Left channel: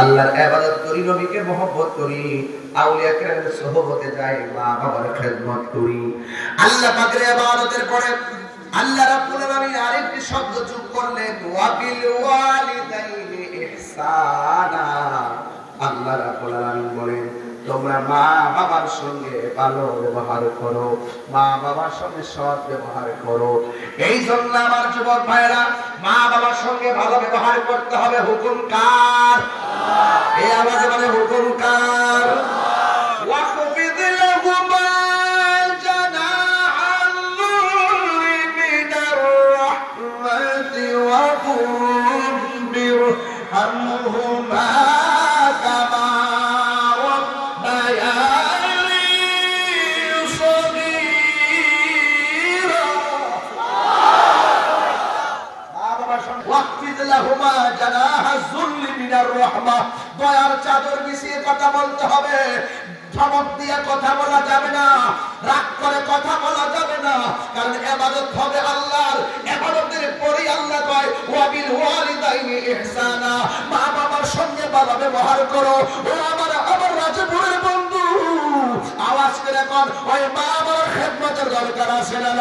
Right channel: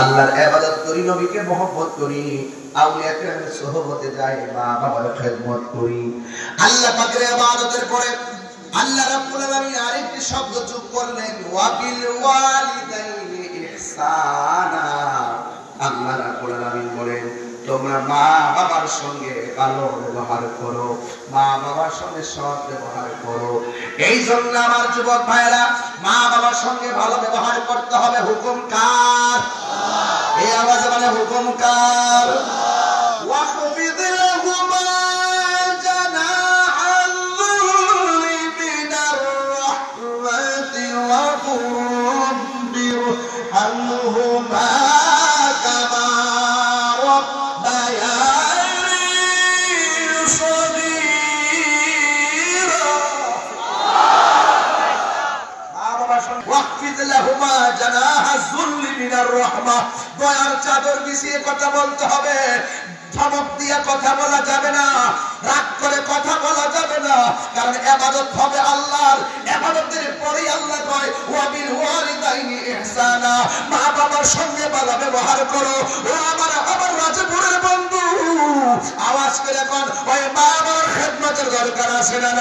আল্লাহর ইবাদত করি, নবীকে মহব্বত করি, আউলিয়া কেরামের সোহবতে যাই, মা বাবার খেদমত করি। আল্লাহ পাকের ইবাদতের পরে আল্লাহ রাব্বুল আলামিন আরেকটি শব্দ যোগ করলেন, ওয়া বিল ওয়ালিদাইনি ইহসানা। আল্লাহ রাব্বুল আলামিন বলেন, তোমরা মা বাবার সঙ্গে ভালো ব্যবহার করো, মা বাবার সঙ্গে সৎ ব্যবহার করো। এই জন্য আমার যুবক ভাইরা, মা বাবার সঙ্গে ভালো ব্যবহার করতে হবে। হুকুম কার? এই আওয়াজে মানে হুকুম কার? ওয়াখফিদ লাহুমা জানাহা যুল্লি মিনার রাহমাতি ওয়া কুর রাব্বিরহামহুমা কামা রাব্বায়ানি সগীরা। মা বাবার সঙ্গে ওয়াখফিদ লাহুমা জানাহা যুল্লি মিনার রাহমা, দয়ার চাদর বিছিয়ে কথা বলতে হবে। ধমক দিয়ে কথা বলা যাবে না, রাগ করে কথা বলা যাবে না, কারণ ইবাদত হবে আল্লাহর। ইবাদতের পরেই আল্লাহ কয়, ওয়া বিল ওয়ালিদাইনি ইহসানা, মা বাবার সঙ্গে ভালো ব্যবহার করো। ও আমার রাজপুরের বন্ধু, আওয়াজ করে এখন ওই মা বাবার খেদমতের দরকার আছে না?